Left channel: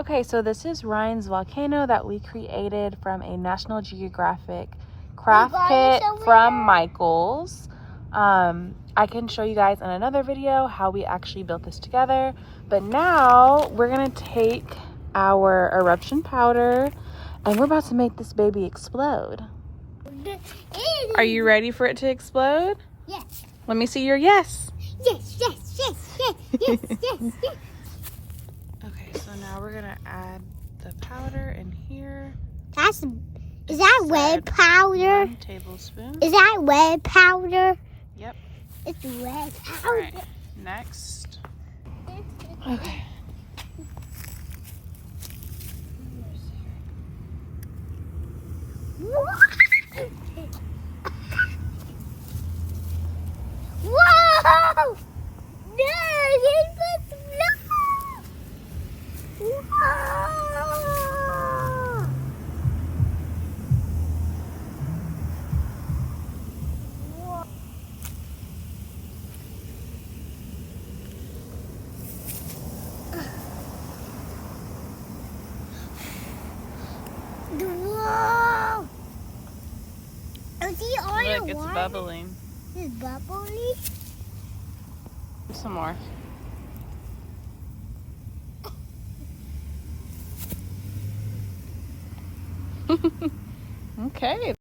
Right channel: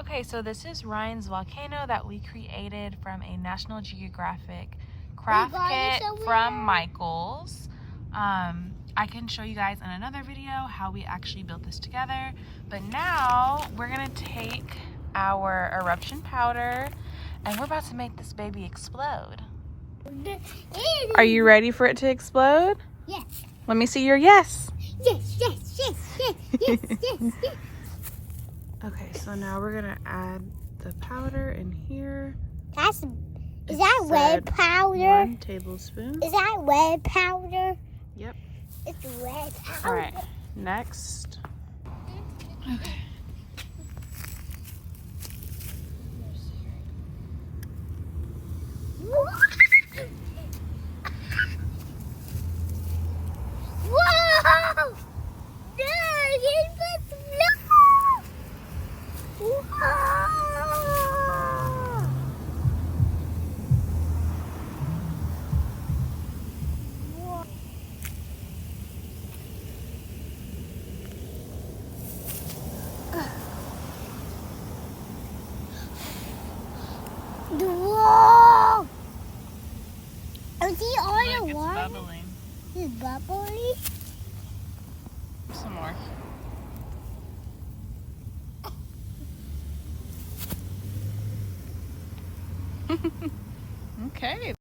Okay, so this is Ryan's volcano that we created from a National Geographic craft kit from Michael's. I can show you guys in another video how we actually built this together, but now we're gonna take our eruption powder and we're about to make this baby explode. Are you ready for it to explode? Yes. Let me see your yes. Yes, yes, yes, yes, yes, yes, yes. Okay, so now we're gonna add the powder in here. Is that red powder? 1 tablespoon. Is that red powder? Yep. It's red powder. All right, next. Okay. Whoa! No, it was no! Whoa! Whoa! Is he all Look, the it's water? bubbling. It's bubbling? Some more. Okay.